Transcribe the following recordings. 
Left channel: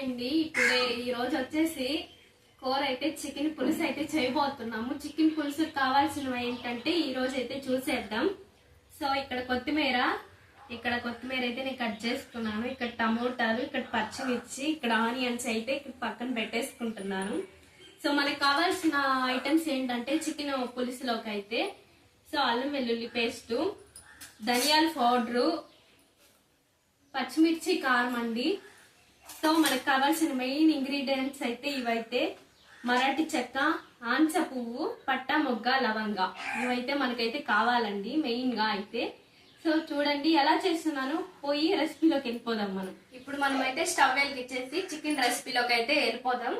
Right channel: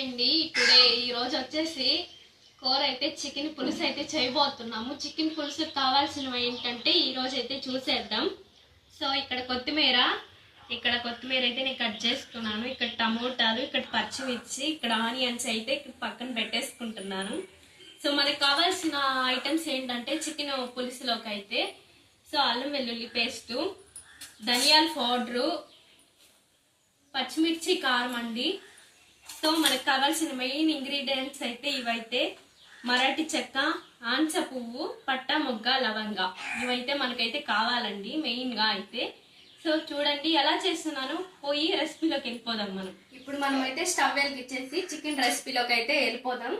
అండి టుడే ఈ రోజు వచ్చేసి కూర అయితే చికెన్ పులుసు అయితే చేయబోతున్నాము. చికెన్ పులుసు కావాల్సినవి ఏంటంటే ఈ రోజు అయితే చూసేద్దాం. సో ఇక్కడ కొత్తిమీర ఇక్కడ కొత్తిమీర అయితే నేను కట్ చేసుకున్నాను. ఇక్కడ టమోటాలు ఇక్కడ పచ్చిమిర్చి ఇక్కడ ఆనియన్స్ అయితే ఇక్కడ పక్కన పెట్టేసుకుంటున్నాను. సో మనకి కావాల్సిన ఐటమ్స్ ఏంటంటే చికెన్ పులుసులోకి అయితే. సో అల్లం వెల్లుల్లి పేస్టు ధనియాల పౌడరు పచ్చిమిర్చి కారం అండి. సో మనకు కావాల్సిన మెయిన్ ఇంగ్రీడియంట్స్ అయితే ఇవైతే మరాఠీ చెక్క ఆంచ పువ్వు పట్ట మొగ్గ లవంగ. ఇవైతే మనకైతే కావాలండి మెయిన్గా అయితే. సో చూడండి ఎలా చేస్తున్నాను? పోయి రెసిపీలోకి వెళ్ళిపోదాం మనం. ఇప్పుడు మనం అయితే స్టవ్ వెలిగించేసి చికెన్ రెసిపీలోకి అయితే వెళ్ళిపోదాం.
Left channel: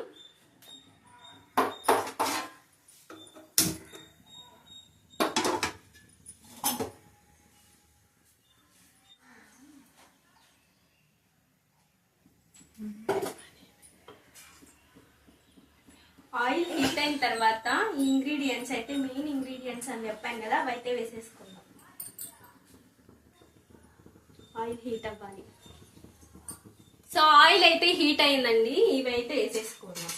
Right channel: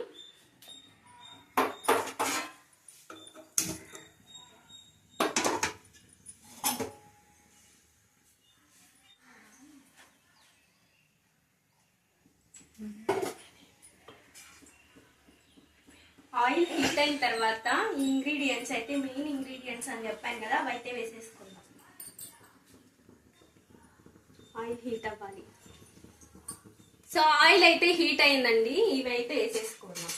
ఆయిల్ హీట్ అయిన తర్వాత ఈ ఇంగ్రీడియంట్స్ అయితే మెయిన్ ఇంగ్రీడియంట్స్ అని చెప్పాను కదా అవి అయితే వేసేసుకుందాం. ఆయిల్ హీట్ అవ్వాలి. సో ఆయిల్ అయితే హీట్ అయిందండి ఇవి అయితే వేసేసుకుందాం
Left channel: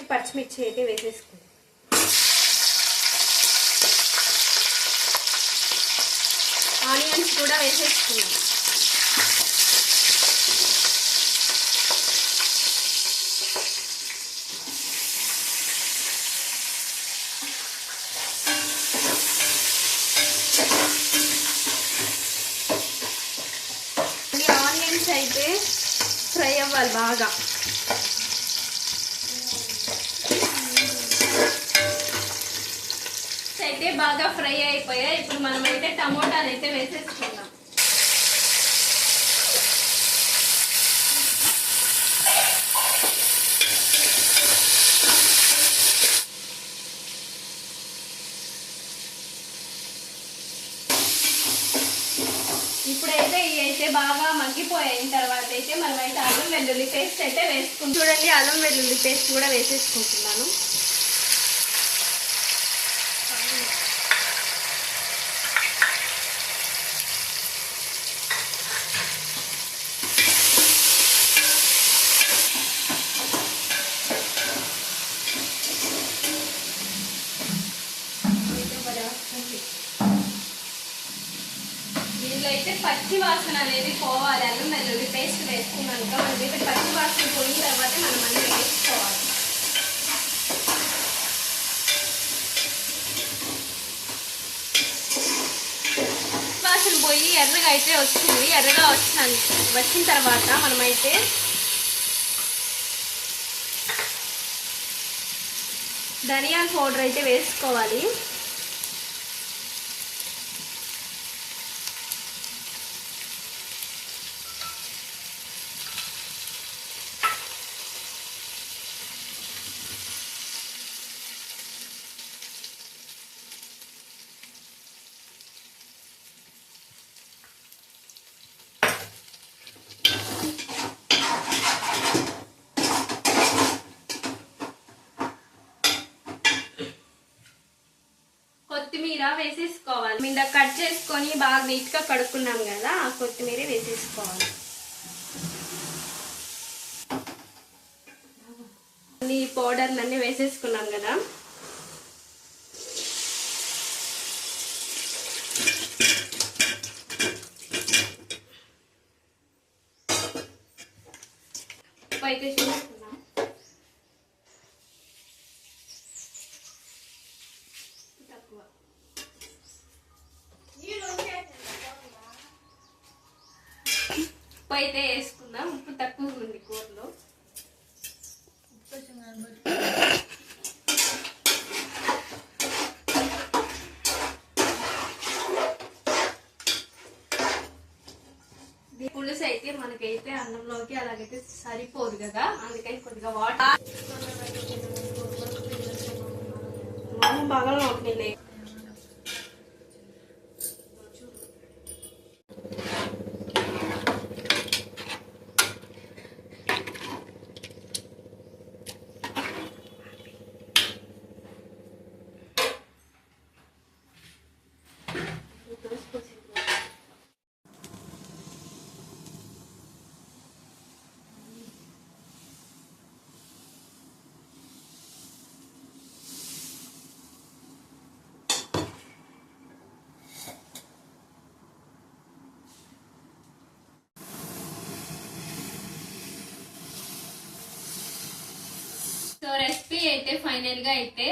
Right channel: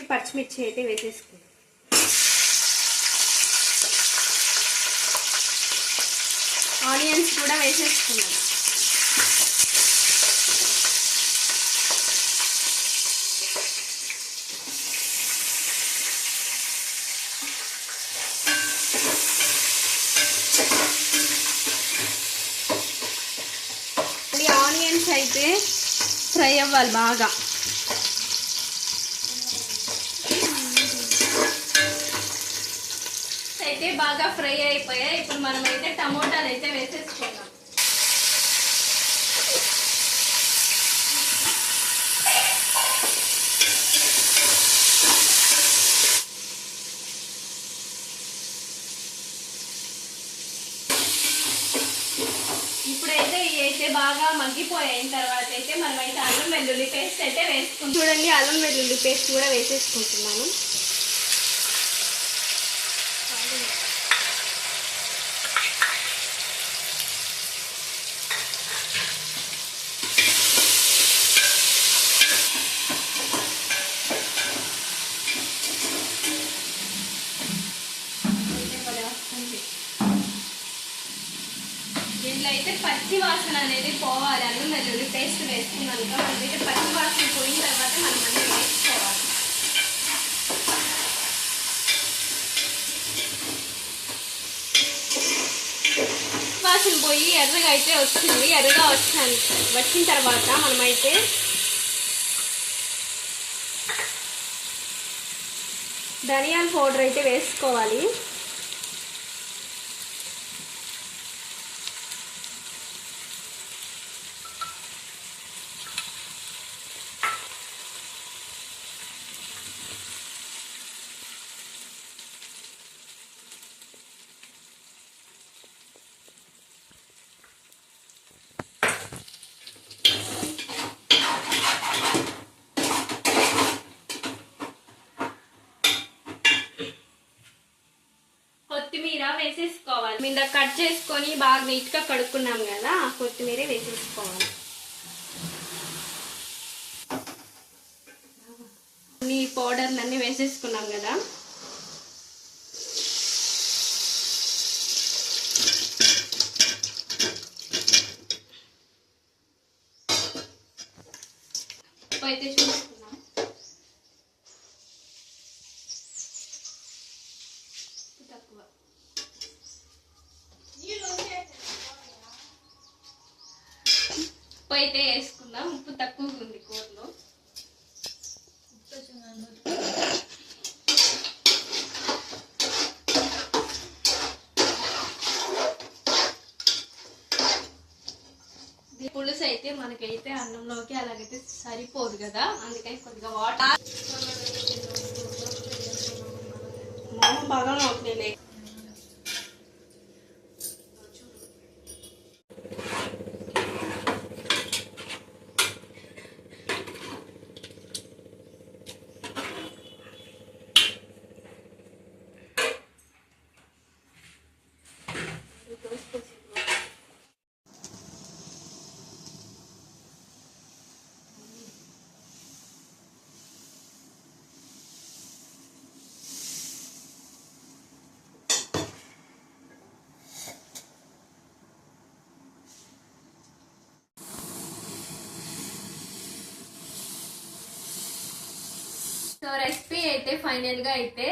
ఈ పచ్చిమిర్చి అయితే వేసేసుకుందాం ఆనియన్స్ కూడా వేసేసుకున్నాం. ఆనియన్స్ అయితే ఫ్రై అవ్వాలి బాగా అయితే బాగా ఫ్రై అయిపోయాయి ఇప్పుడు మనం అయితే టమోటాలు అయితే వేసేసుకున్నాం ఇప్పుడైతే ఇవి అయితే బాగా మగ్గిపోయిన తర్వాత అయితే మనమైతే అల్లం వెల్లుల్లి పేస్ట్ అయితే వేసుకుంటాం చూడండి అల్లం వెల్లుల్లి పేస్ట్ కూడా వేసేసుకుంటున్నాను దీనిలో అయితే పచ్చి వాసన అనేది పోవాలి అల్లం వెల్లుల్లి పేస్ట్ వేసుకున్నాక మనం అయితే పచ్చి వాసన పోయిన తర్వాత మనం అన్నీ వేసుకోవాలి. వాసన పోయి ఎర్రగా అయితే వచ్చింది. ఎర్రగా వచ్చిన వచ్చిన తర్వాత మనమైతే ధనియాల పౌడర్ అయితే వేసుకోవాలి. కొత్తిమీర వేసేసుకోవాలి. మీద కట్ చేసుకొని బాగా నీట్గా కడుక్కున్నాం కదా ఆ కొత్తిమీర వేసేసుకోవాలి. ఈ పౌడర్ అన్ని వేసేసుకున్నాం కదా. అయితే చూసుకుంటాం ఉప్పు అయితే వేసుకుందాం. ఉప్పు తక్కువగా ఉంది కూరలో. పులుసు అయితే మనకైతే అన్నంలోకి అలాగైతే సరిపోదు కదా. అందుకని కొద్దిగా వాటర్. మనం బాగా అవుతుంది సో రెసిపీ అయితే ఫైనల్గా అయితే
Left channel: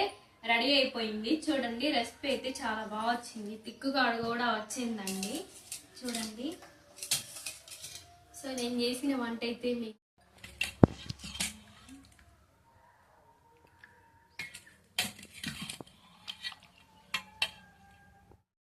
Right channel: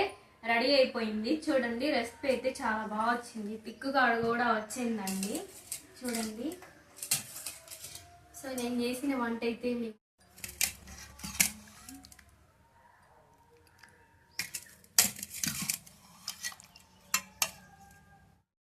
రెడీ అయిపోయింది. చూడండి రెసిపీ అయితే చాలా బాగా వచ్చింది. తిక్కుగా కూడా వచ్చిందండి. చూడండి. సో నేను చేసిన వంట అయితే మీకు